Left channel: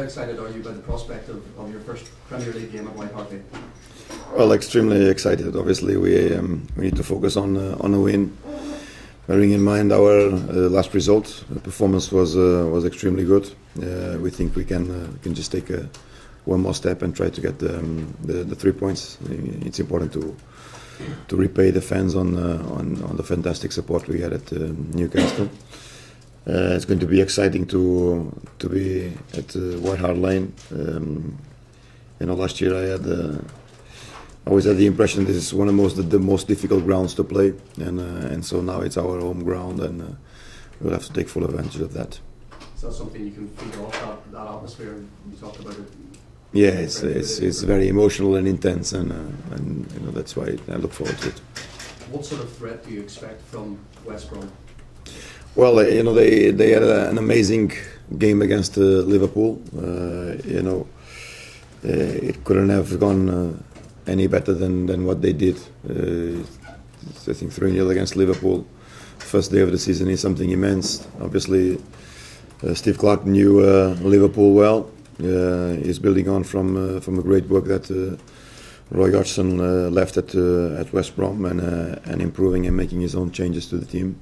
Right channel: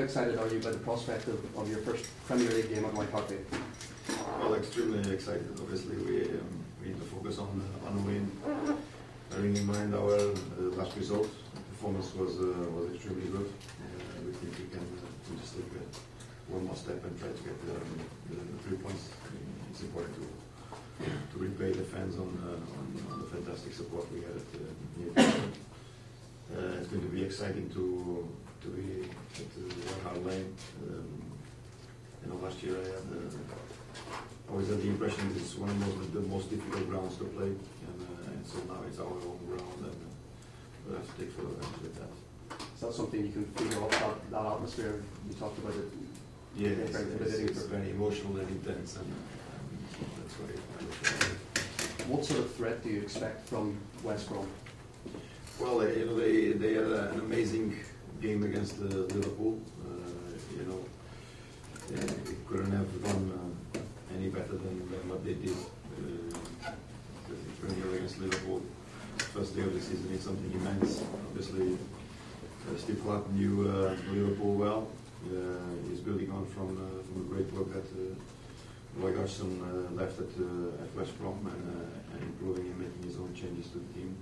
How excited are you about the prospect of your first Premier League game at White Hart Lane? Well, extremely excited. Obviously, we need to focus on a win. Bearing in mind our last result, the performance was extremely good. We think we can just take one more step and try to get the 3 points. It's important to repay the fans on the fantastic support we had at Newcastle. It's going to be exciting to be at White Hart Lane. Last year I always had the impression this is one of the most difficult grounds to play, and so now it's our home ground, and we'll have to take full advantage of that. Is that something you can feed off that atmosphere? You talked about it. Yeah, it's very emotional and intense, and that's why I look forward to it. What sort of threat do you expect from West Brom? Well, they had an amazing game against Liverpool. It couldn't have gone any better than what they did. I think 3-0 against Liverpool, first day of the season, is something immense. Obviously, Steve Clarke knew Liverpool well. He's building on from a great work that Roy Hodgson left at West Brom, and improving and making his own changes to the team.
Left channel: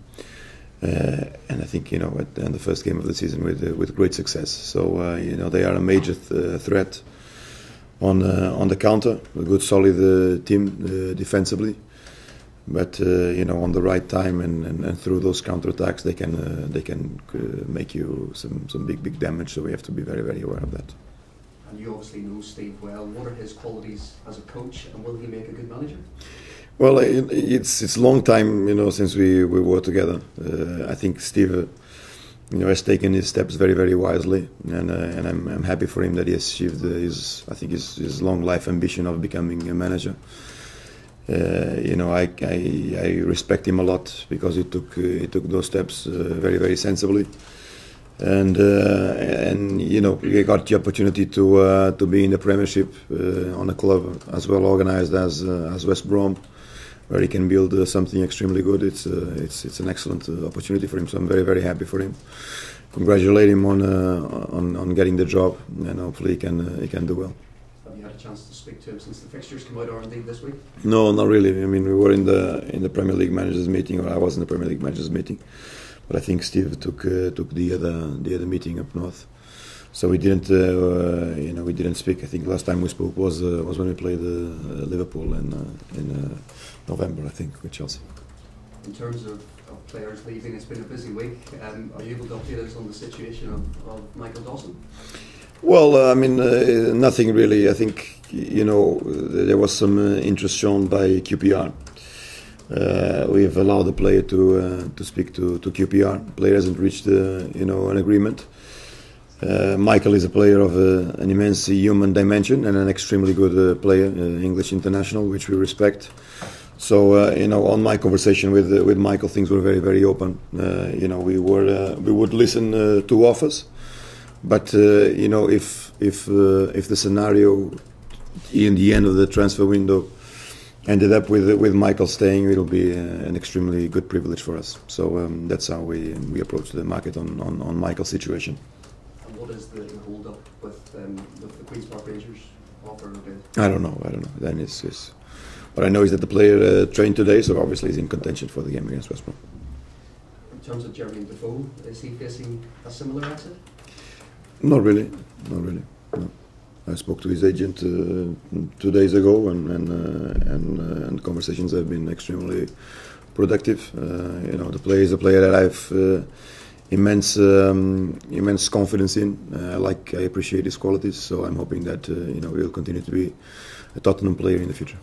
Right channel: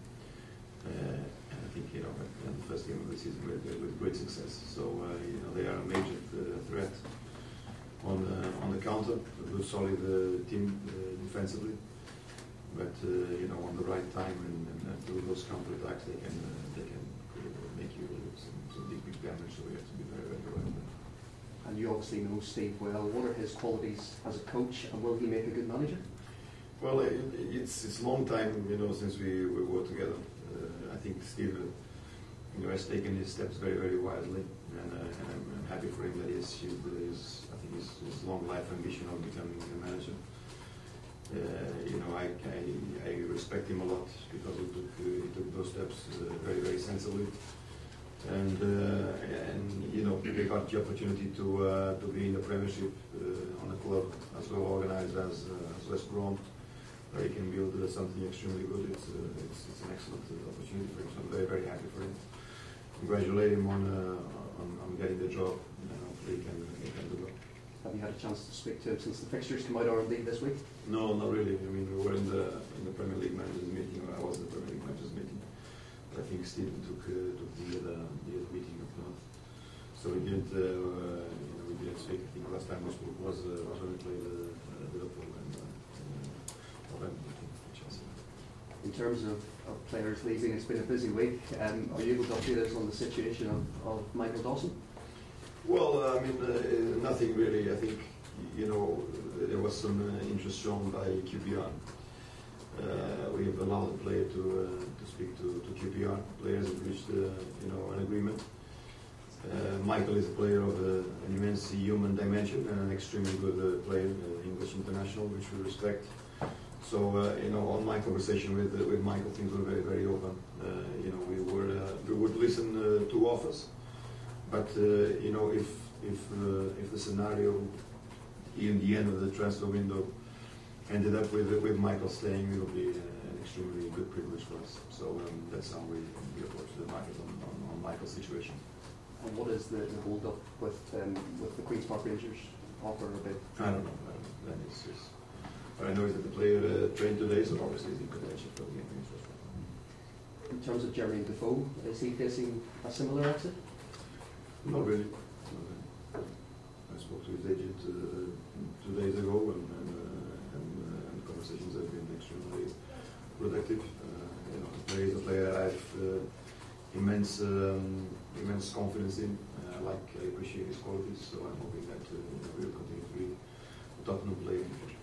And I think at the first game of the season with great success. So they are a major threat on the counter. A good solid team defensively, but on the right time and through those counter attacks they can make you some big damage. So we have to be very, very aware of that. And you obviously know Steve well. What are his qualities as a coach, and will he make a good manager? Well, it's a long time since we were together. I think Steve has taken his steps very, very wisely, and I'm happy for him that he has achieved his long life ambition of becoming a manager. I respect him a lot because he took those steps very, very sensibly, and we got the opportunity to be in the Premiership on a club as well organised as West Brom, where he can build something extremely good. It's an excellent opportunity for him, so I'm very, very happy for him. Congratulate him on getting the job, and hopefully he can do well. Have you had a chance to speak to him since the fixtures came out already this week? No, not really. I mean, we were in the Premier League managers meeting, or I was in the Premier League managers meeting, but I think Steve took the other meeting up north. So we didn't speak. I think last time we spoke was when we played Liverpool in November, I think, with Chelsea. In terms of players leaving, it's been a busy week. Are you able to update us on the situation of Michael Dawson? Well, nothing really. I think there was some interest shown by QPR. We've allowed the player to speak to QPR. The player hasn't reached an agreement. Michael is a player of an immense human dimension and an extremely good player, English international, which we respect. So on my conversation with Michael, things were very, very open. We would listen to offers, but if the scenario in the end of the transfer window ended up with Michael staying, it'll be an extremely good privilege for us. So that's how we approach the market on Michael's situation. And what is the hold up with the Queen's Park Rangers offer a bid? I don't know. Then it's what I know is that the player trained today, so obviously he's in contention for the game against West Brom. In terms of Jermain Defoe, is he facing a similar exit? Not really. No. I spoke to his agent 2 days ago, and conversations have been extremely productive. The player is a player that I've immense confidence in. I appreciate his qualities, so I'm hoping that he'll continue to be a Tottenham player in the future.